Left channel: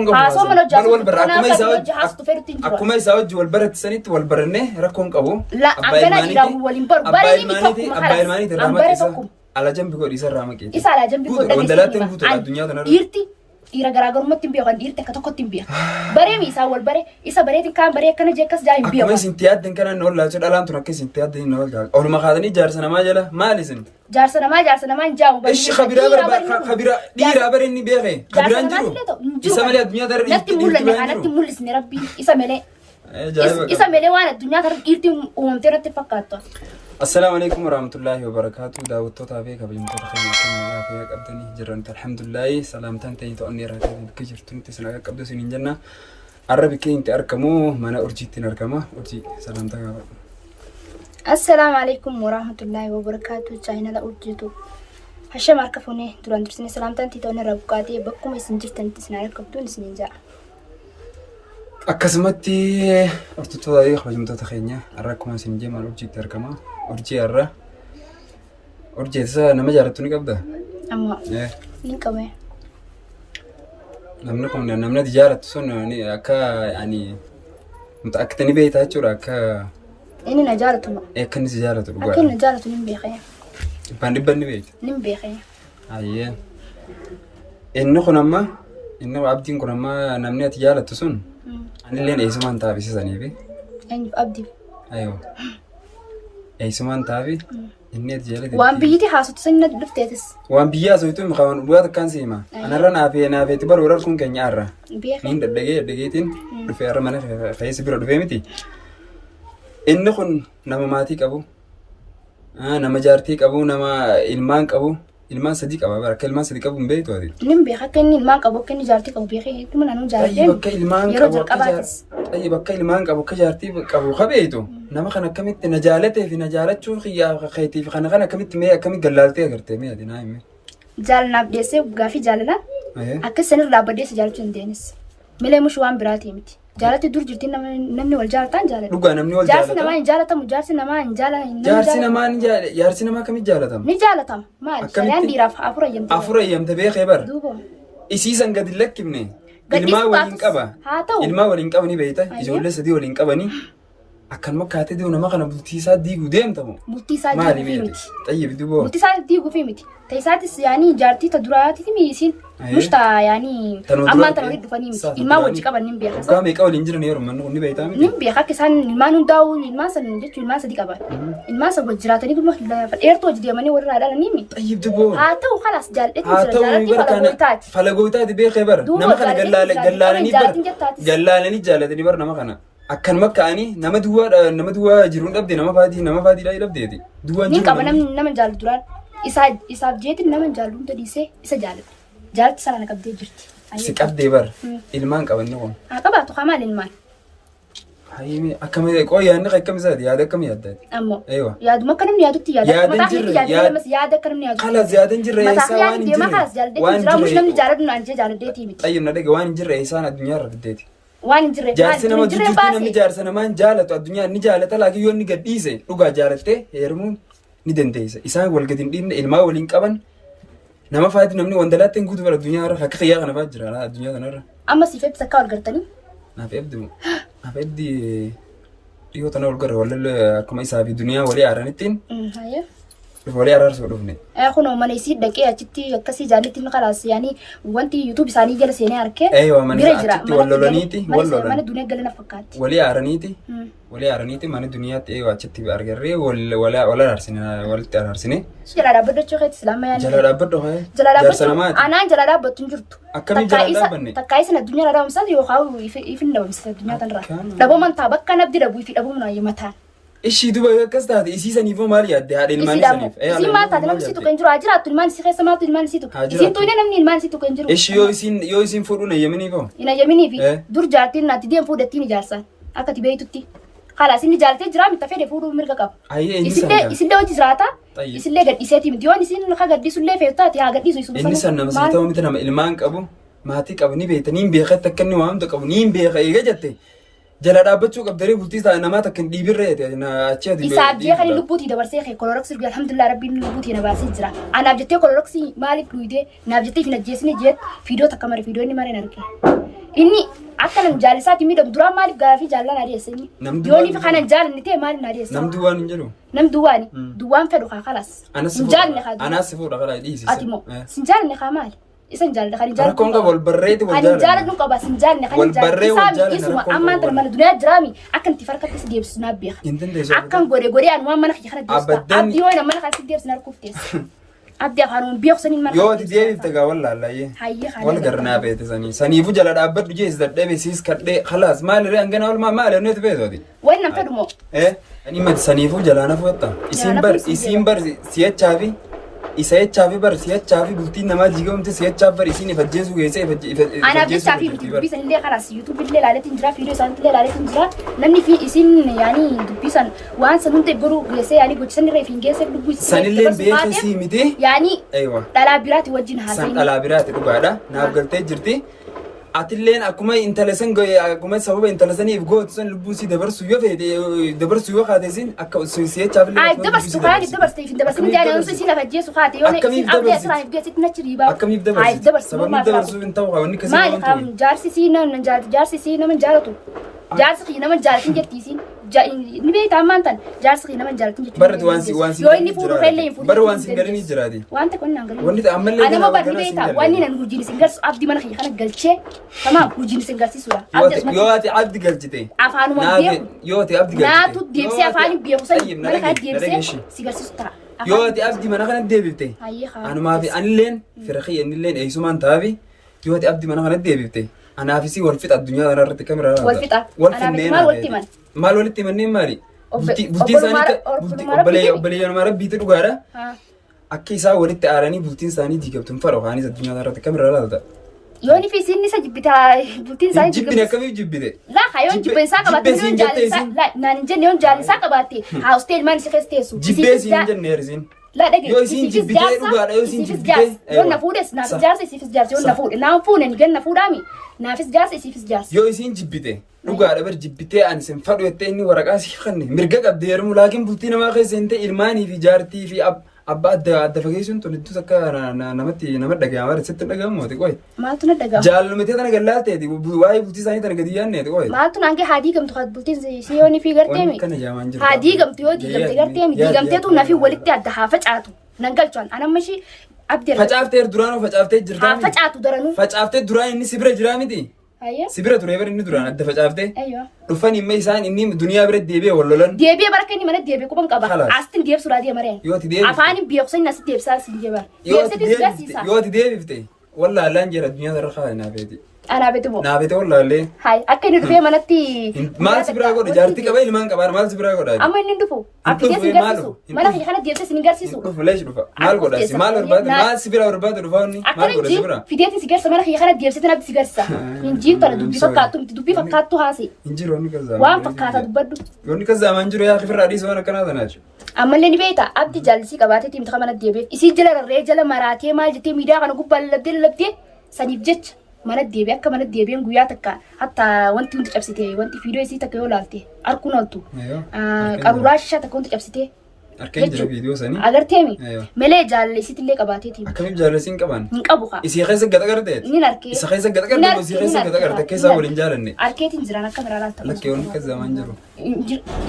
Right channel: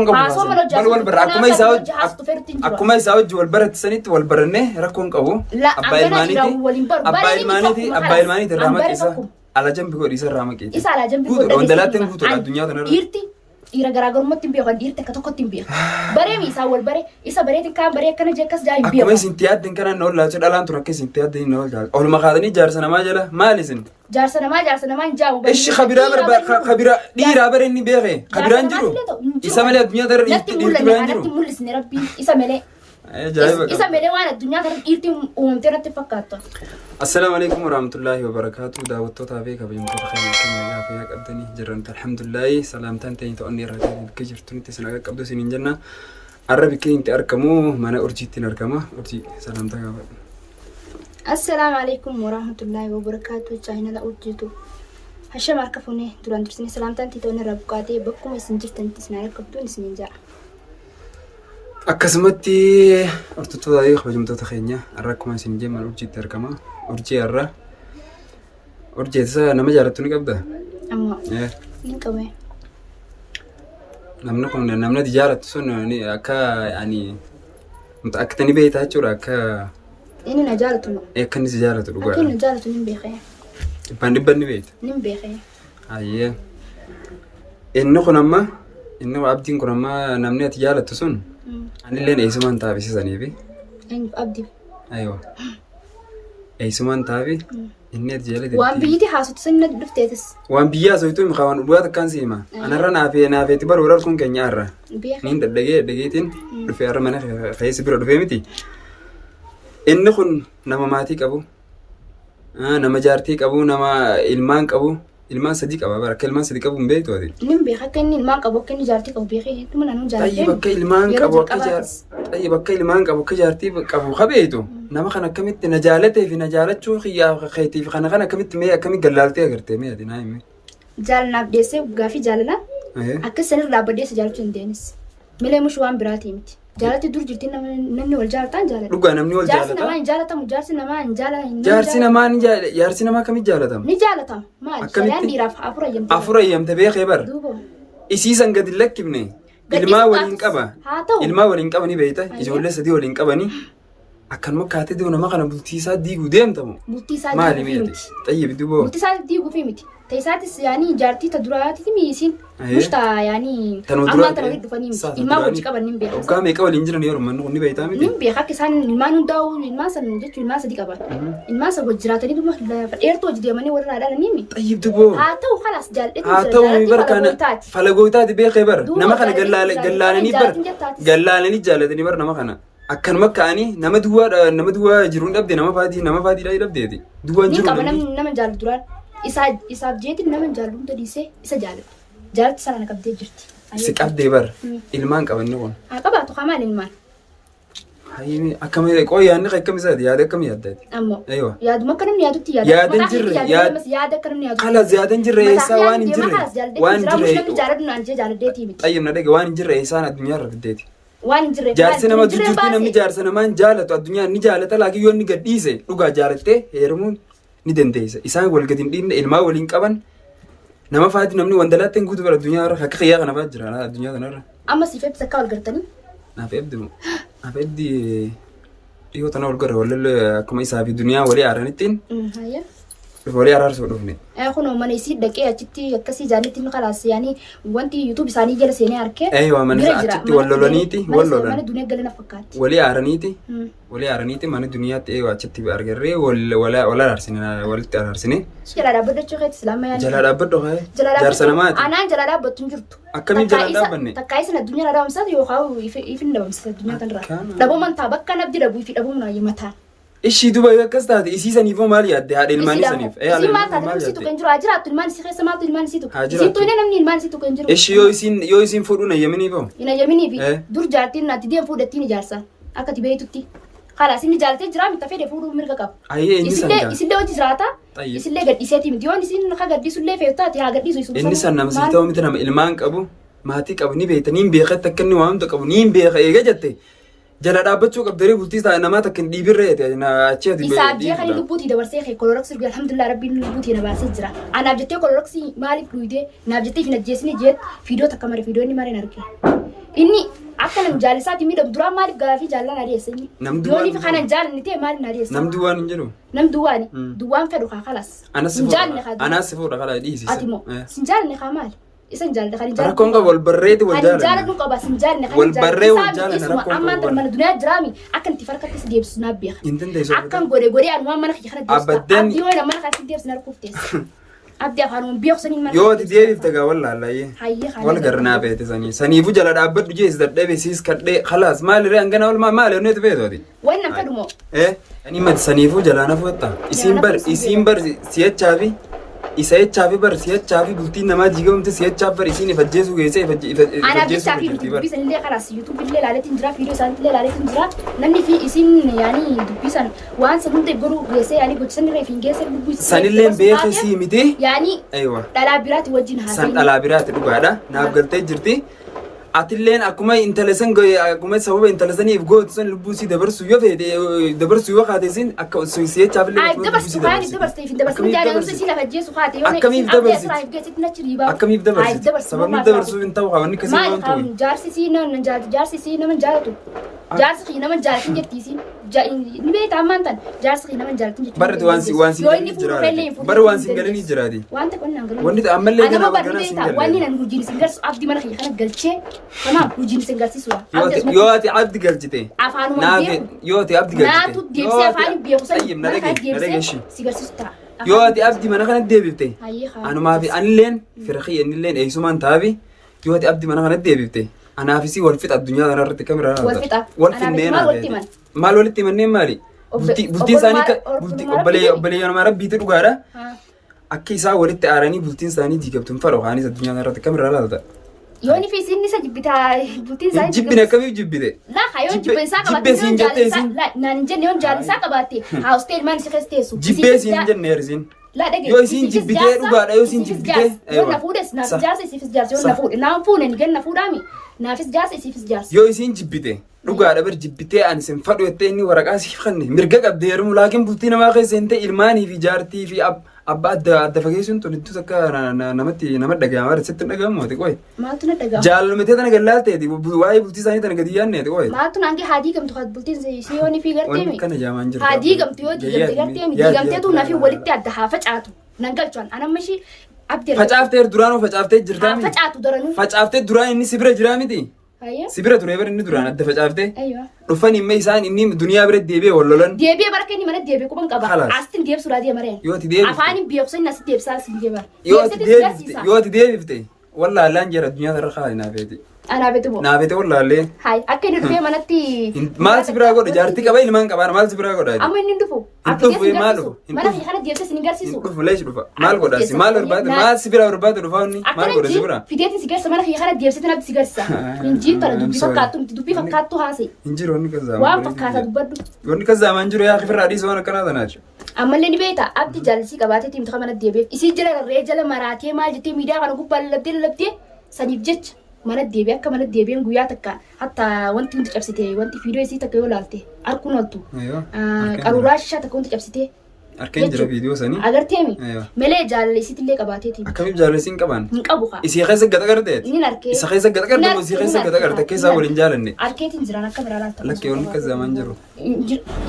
rakkoon qabu mal wal bara akkuma isaa hojii wal baratti sanitti wal baranne rakkoon qabu abbaa ilmaaniiti irraa maqeessa ala jambi godhi isa irraa maqeessa isa ala jambi godhi wandalaatti guutuudha addunyaa kanarra dhiirti dhiira garaagarummaatti hin beekan dhiirti akka tokkotti hin beekan baree isaa wal bare isa bareetiin kaan baree akkana jeekas jaa hin beekan akkuma isin tiyaadden kana na ollaa dhalaan tun akka isin tiyaadden na ollaa oluma kaatanii jaarsa namaa jala maal isin jaarsa namaa hin jaabu ishi khabira dhiiraa bare inni beeke khabiraan jiru isa malee addunyaa kanarra natti mul'isne rabbiin isa malee isa malee waan addunyaa kanarra dhiirti uumamtee natti fakkaattu. السلام عليكم ورحمة الله وبركاته داود توتافي كبيمتو خير كم يا في قبضني جرنت الحمد لله سلامتان تاني توني راكب كجر توني تسنا قبض سنين جنة عربي كين تأركمو ما أنا أرجي تنركمه أرجي سلامتك السلام عليكم ورحمة الله وبركاته شاهنا لا أرجيتو هشام أركفوني دوران تسنا سلامتان توني ربكاتي بكم يسنجر تاني تسنا قبضو نسنين جا akkasumatti ortutootaa kabajamtoota keenya har'a akkuma isin jennu urjiitti argama. Urjii har'a urjiitti nama jaallattu ni qabda. Ammoo ni qabe. Namni kun namni jaallattu sun akka akka ni beektaa jechuudha akka inni na jaallatu ma. Akka inni si jaallatu dhugaadha. Akka inni na jaallatu ni beekee. Dhibban ni beekta. Ni beekee. Ayyee inni kun amma inni abdiin kun amma namni ati jaallattu sun anillee eessumaan taafisisaniifi. Abdii. Aywa. Eessumaan taafi inni ati jaallattu. Waan biyyiti haasoftu sanni dhufteetis. Waan biyya haasoftu hin qaban dhugaa takkaan siima. Anarra naafeetti bara warra kun keenya arra. Niin dhaggeetiin dhufee arra mana keessi bira dhufee miti. Inni kun nama maatii qabu. Nama jaartii qabu nama ilmaan qabu. Ilmaan sadii qaba bara akka ilmaan sadii qabu hin beektu ati. Nin beeka akka inni ilmaan qabu akka inni jaartii qabu beekee hedduu naannoo jaartii. Bakka ilmaan qabu bakka ilmaan qabu akka jaartii qabu qabeetu nama kana akkamitti na jaalatee fi na jaalachuu xiyyaa keetiif kana akkamitti mee akkamitti gallaaltee agartee mee ati naa himee. Jaalanaaf deessee gaafii jaalalaa akka sanirraa dhaabbadeessa jaalachuu hin deenis. Milee mushuu waan biraatii miti. Jaalatti dur jirti namni wal jaalataan jaalata. Dhugaa namni wal jaalata. Jaarsi namaa hin jaalatamu jaarsi namaa hin jaalatamu. Jaarsi namaa kamitti jaalatama? Ni jaalatama. Maali? Shayaan dhiiraaf afur ayyamte. Afur ayyamte beekee bara. Isiisan gadi lakkifne. Ilmaa waliin qaba. Haa ta'u. Ilmaa waliin qabanii beekta. Ijoollee sadii waliin qabanii. Akkanuma kaatee deemu nama kana bultii isaa diiguu deemtamu. Bultii isaa diiguu miti. Xayyib duboo. Bultii isaa diiguu fi miti. Taisaatis yaani jaartii ta duraati miisin mushta yaani amma tan walitti dhufanii miti ilmaa wajji qaban nin beeka. Waggaa meeqa waliin jiran yeroo manni kun ni beektaa miti. Nin beeka akka isaan ilmaan hundaa'u ilmaan san jechuun ilmaan sadii qaban. Ilmaan san wajji jiraatanii dhuma dheertuu wajji deemanii warra haadhaan ni. Xayyib duboo. Haa ta'u khalaas jaalladhe. Haa ta'u barkaana falagootaati beekee bara nama kana gallaalanii jaallatanii bara nama kana. Akkanuma ka'anii nama duwwaa jiruun dhabde nama faatiidhaa dhabdeeti. Duwwaan jiru nama jaallu duraan. Isaaf jeetiin nama jaallu hunda dhiisee isa jaallata. Jaalatti sana qabdee jirti. Si qabdee bara ilmaan qabanni kun. Haa qabaatu qamaan ilmaan. Hayyee akkamii yaadni akkamisaati yaada akkamii yaaddaati. Ammoo yaaduma akka namni yaadutti yaada. Yaadan jirre yaada akka namni yaadu. Kalas yaadan jirre eessaa waan hin jirre. Waan jirre namni jaalladhu naan jee jaalladheetii miti. Xayyib na dhage waan hin jirre eessaan addunyaa irra fiddeeti. Waan hin jirre. Jaarsi nama jijjiirtii namni jaarsa namaan jaalatu addunyaa ni jaalata laakiin yoo inni gadhiise dhugaa jaalattee heerumuun ni dandeessa. Isaan wal gadi hin dhiibne ilmaa waliin qaban nama faati namni wandalaatti hin guutu bara addunyaa irra akka xiyyaa kana faati jira addunyaa kanarra. Amma siif eebbisaa akka wal gartanii? Naaf eebbi dhiyoo tana wal garra wallee akkuma isaa fi duniyaa walii aaranittiin. Walii araarsuu dhufne. Kunoo mana isii dhaqee achitti akkasii jaanitti nu khalaas yaani wanti YouTube isaanii jala seenee arkee. Mana achitti wal lolaniiti wal lolan. Mana duniyaa galana fakkaatti. Walii aaraniiti mana duniyaatti achitti argarree wal araarsine walitti araarsine. Jala dhaabbachuu keetti islaama yaani. Jala dhaabbadhu haa. Jaarsa namaati. Anaan jala dhaabbattu hin jirtu. Akkamii jala dhaabbanne? Takkaa isin addunyaa irraa dhaabamsaa yookaan ifin dhabamsiisa addunyaa kanarraa. Dhabaman taa bakka nabdi dhabuu fi dhabuun ayya mataa. Ishii duba akkas taate isiisaniif maal yaadde haadha ilmaanii saniif. Isii maal taate namni situ kan jiru haa jiraattu ilmaan isii keessa maaltu ilmaan isiitu. Isiitu illee namni ilmaan isiitu kan jiru. Ishii yoo isiin fuudhuun ayyaminiif hoo? Hin ayyaminiif dur jaartiin naatti deemu fuudhattiin ijaarsaan akka ati beektutti. Khalaas inni jaalatee jira mita fedhe fuudhuu mirga qaba. Isillee hojii jiraata. Isillee gadhiiseeti miti yoon isiin ka gadhiisullee feetaati haa gadhiisu isu. Inni san nama sii ta'u miti nama ilmaan qabu maatii qabu ni beekta ni beekatti akka inni waamtu qabu ni beeka eega jette. Jala dhaabbachuu qabdanii bultii namaa takka hin dhiibirreeti achi ati isaaf jee kan lubbuutii dabarsee kee koloroksii dhugaa alhamdulillah rabbiin lubbuutii na baasee jira. Anaaf jettee koloroksii maaliif dhuydee naaf jettee hin ajjeesine jeet fiidoo takka mare fiidoo inni mareen arge. inni akka nam jaalisaati miidhagu duraan maaliif gaafii jaalala na dhiyeessanii yooniif kanan jaalanni ta'e maaliif na dhiyeessa nam duwwaan hin jedhu nam duwwaani duwwaan fedhu kaa kalas anas fuudha kala dhiisi ati moo sin jaalanne kaa maali isan jaalanne kan jaalanne rakkoon qaba wal barreeti wal jaalanne jaalanne qaba sin jaalanne kan wal barree wal jaalanne rakkoon amma tan mana duniyaa jiraami akkan itti farkatti si deebisu na beeka hin dandeessu akkan godee an waan mana kana deebisu abdii yoo mana kana deebisu na rukuftees abdii afaan beeksaniin mana yoo deebifte gaa wallaallaayee wal garnaa beete saniifu jala dhaabbadhu jees dadhabe siis kadhee khalaas maali ree angana wal maali onneetu beetooti wannan fedhumoo ani mati saniifu jalaana fu'atta isiin bar si'achaafi isa echaafi bar si'achaafi bultiin namaa jigamte si'achaaf bar isiin ifajjeessu geessee ifajjeessu dubbisan illee kanas yuutuub illee ilaaleetiin jira fiidiyoo isaaniitti illee ilaaleetiin jira namni fi isiin yaanii dubbisan waan san hundi godhuu geessee yaanii gochisan irra ifiin geessee dubbuu sanillee beeka sii miti yaanii dhalaa biraati wajjin haasa'e san dhalaa biraati dhugaadha naaf galtee jirti atilleen akkuma intalasan akkuma sababa intalasaniif gootu sun lubbuu si dabarsu yoo feete dabarsu yoo kaate sin akka si'achaaf illee ay dabarsu kaani dabarsu ifin dabarsu ni jaana si lafa jeesu kaate yoo akkamiif dabarsu geessitti nachi riibaa akkamiif dabarsu sababni dabarsu hin ta'u wanni kasi waan ta'u jaarsi si nama jaalatu jaarsi nama jaalatin jettiisi ni beekta ammaan tan jaarsi nama jaalatin jechuudha barri waan si jiraati barri waan si galanii jiraati wanta kun nan galanii wanni ammallee kana si galanii wanni nan hujii si galsu abdii mana kana galchee Tamam, hujin sin garsiisudha. Yoo ati abdi galchite. Afaanuma beeku. Yoo ati abdi galchite. Naatu deebisee afaan beeku san mana kana deebisee si garsiisuta. Yoo ati abdi mana kana deebifte. Anumaa fi anilleen firqii innilleen eeysumaan taabi. Yoo ati abdi mana kana deebifte. Anaafisi wal fixa addunyaa kana irratti kamira. Wal fixa. Wal finneen. Maal walitti manneen maali? Bultiin isaanii obboleeyyanuma rabbiitu dhugaadha. Akka isaa walitti aaranii bultiin isaanii jigamtuun faroo kaanis addunyaa kana irratti kamira laata? Yooni fi isin isa jibbita bultiin isaa jibbine akkamiif jibbite la hayo jibbe isaa qabatte yoon jaalisa la naan jenne yoon jaalisa qabatte haa hostel man si festeesu jibbe siin jenne hersin la dhage yoo isin jibbite dhugaadha yoo isin jibbite yoon na fuudhes naaf jaarsa isifis jaarsa yoon na fuudhe naan fuunen ganna fuudhaami naafis jaarsa isifis jaarsa yoo isin jibbite dhugaadha bar jibbite an sin fadhu jettee inni waraqaa siif kanne mirga qabdee heerumu laakiin bultii namaa keessa hin ta'e ilmaanii fi jaartii fi abba adda fageessuun tun iddoo takka namatti nama dhaga'ama bara sitti dhaga'amu ati qoy maaltu na dhaga'ama jaallumetee tana gallaalteeti waa'ee bultii isaanii tana gadi yaanneeti qoy maaltu naange haadii gamtu kan bultiin si yooni fi garteemi kana jaamaan jiru haadii gamtu yoo diigamte garteemi diigamteetu nafi walitti adda haa facaatu nan galchaan anammashi abdii facaaftee duraanuu facaaftee jirtaa haa facaatu daranuu facaaftee duraan inni sibira jiraa miti sibira ture bar inni duraan adda facaaftee dhufan immoo isaan inni duniyaa bira deebi'ee wal lolan deebi'ee bara kenni mana deebi'ee quban qaba astin deebisuudhaa deemareen afaan beeksisni as deebisaa si deebi'aa yoo ati deebifte wallaalaan jira addunyaa irra kaa'inaa feeti Anaafete moo? Naafete wallaallee. Hayi akka inni dhufee manatti. Maal si biraa godha jaartii qaba ilmaan qabaan maal si biraa godha? Amma inni dhufu. Dhufu maalu? Mana fi kana deebisee si garsiisu. Dhufu leesh dhufa. Maal godha si maal barbaade maal si biraa barbaade dhufa inni maal godha si biraa? Fideetiin si garsa mana fi kana deebisee tanaaf si garsiisa. Injiir tana dubbii fakkaattu miti dubbii fakkaattu haase. Injiir wanni kazzaa. Waan fakkaata dubbaddu. Wanni kazzaa maan jiru yaa kifirraa dhiisoo waan akkanaa tanaati. Ammallee ni beekta abdi jaallisii qabaatee tiimta mana deebi'eef isii jala rarree jala maraatee maal jettee miidiyaa kana gubbaa lallabdee saniif jecha. Mana deebi'ee akka mana deebi'een guyyaa takka hatta wanti hundi cabsite wanti fiidiyoo isii takka yoo laalte harkuun oltu qaruuraa shishaa takka wanti cabsite harkeen jira fiidiyoo sanii agarteemi malee jaalallisiitti illee qabaateeti akkamiif jaalallisiin qaban hin qabu kaa isii keessa gata gartee ni narkee isa keessa gata gartee moo isii keessa gata gartee keessaa waliin jaalanne harkeetiin jiran akka biraa laalta lakkee wanni kazzaamaan jiru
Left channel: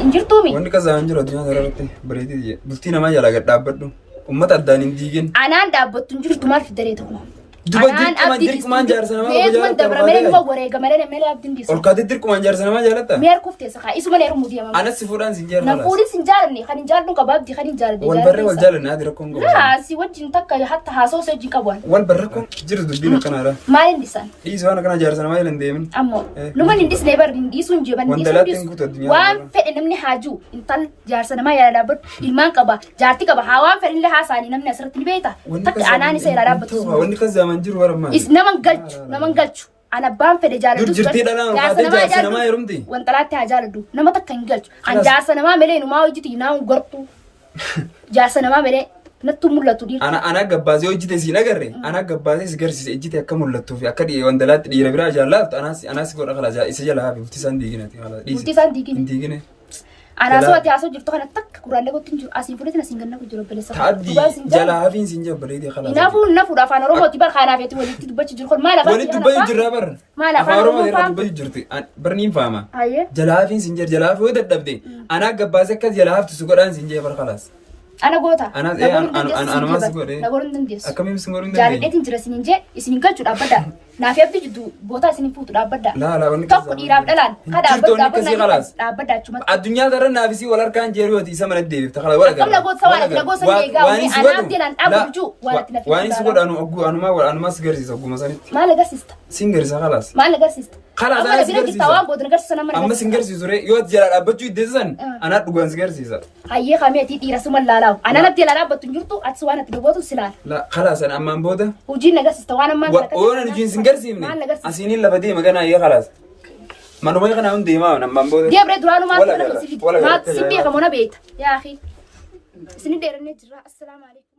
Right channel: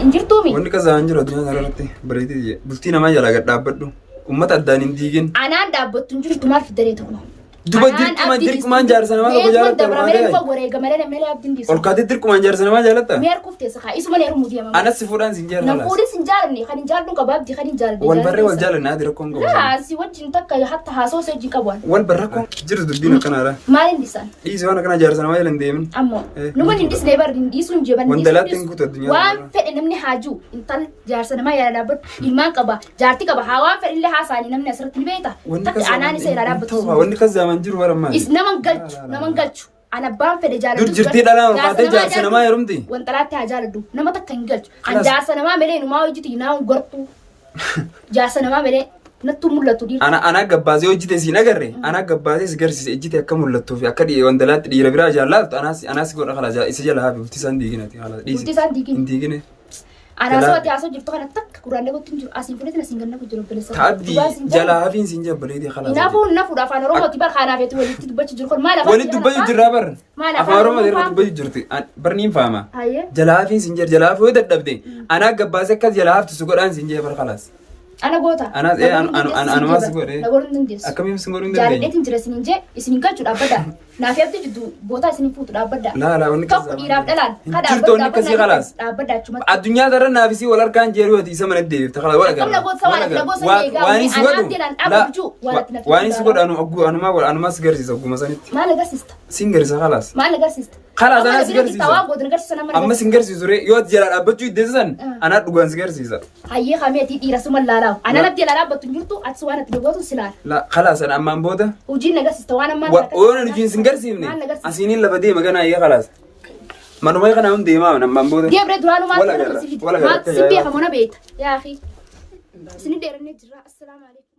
injirtuumi wanni kazzaamaan jiru addunyaa irratti bareetii bultii namaa jalaa gad dhaabbadhu ummata addaan hin diigin anaan dhaabbattu hin jirtu maal fidaree tokko Duba dirqumaan jaarsa namaa qofa jaalatta olkaatee dirqumaan jaarsa namaa jaalatta meer kufteessa kaa isuma leeru mudiyamaa anas si fuudhaan sin jaalala nan fuudhin sin jaalanne kan hin jaalladhu qaba abdii kan hin jaaladhe wal barree wal jaalanne adi rakkoon qabu si wajjin takka hatta haasoo se wajjin qabuan wal barra rakkoon jiru dubbiin akkanaadha maalin dhisan dhiisi waan akkana jaarsa namaa jalan deemin ammoo numan hin dhisne bar dhiisuun jeban wandalaatti hin guutu addunyaa waan fedhe namni haajuu intal jaarsa namaa yaala dhaabbatu ilmaan qaba jaartii qaba haa waan fedhe illee haasaanii namni asirratti ni beekta takka anaan isa yaala dhaabbatu wanni kazzaaman jiru barammaa naman galchu ana abbaan fedhe jaalladhu dur jirtii dhalaa maatee jaarsa namaa yerumti wantalaatti haa jaalladhu nama takka hin galchu an jaarsa namaa malee numaa hojjiti naa gortu jaarsa namaa malee nattu mul'atu dhiira ana gabbaasee hojjite siin agarre ana gabbaasee si garsiise ejjite akka mul'attuu fi akka wandalaatti dhiira biraa jaallaatu anas godha kala isa jala haa bultii isaan diiginati haala dhiisi bultii isaan diigine hin diigine أنا سويت يا سوي جبتها أنا تك كوران لقيت تنجو أسين فلتنا أسين قلنا كجرب بلسه تعبدي جلا هافين سنجاب بليدي خلاص نافو رافعنا روما تبى خانة في تولي تدبج جرخل ما لا ولد دبي جرابر ما لا أفاروما جرا دبي جرتي برنيم فاهمة جلا هافين سنجر جلا هافو دبدي أنا قبازك كذا جلا هاف تسوق الآن سنجاب خلاص أنا قوتا أنا ما سوق نقول نديس أكمل يمسكون نديس جاري إنت جرس نيجي إسمين كل شيء أبدا نافي أبدي جدو بوتا إسمين فوت أبدا لا ونكذا كم إيراب دلان هذا أبدا شو الدنيا ترى نافسي ولا كان جيرو دي سمن الدي تخلى ولا كم نقول سوالف واني سوالف واني سوالف أنا ما سجرسي سوق مثلا ما لقى سيست سينجرس خلاص ما لقى سيست خلاص أنا سجرسي أما سينجرسي زوري يود جلال أبتوي دزن أنا أقول سجرسي زار هاي خامي تي رسم الله أنا نبدي لا بتنجرتو أتسوانا تلقوتو سلال لا خلاص أنا أما بوده وجينا لقى سيست وانا ما وانا نجي سينجرسي مني أسيني لا بدي ما كان هي خلاص ما نومي كنا عندي ما أنا ما بوده دي أبرد رانو ما سيدي ما سيدي كمونا بيت يا أخي سندير النجرة السلام عليكم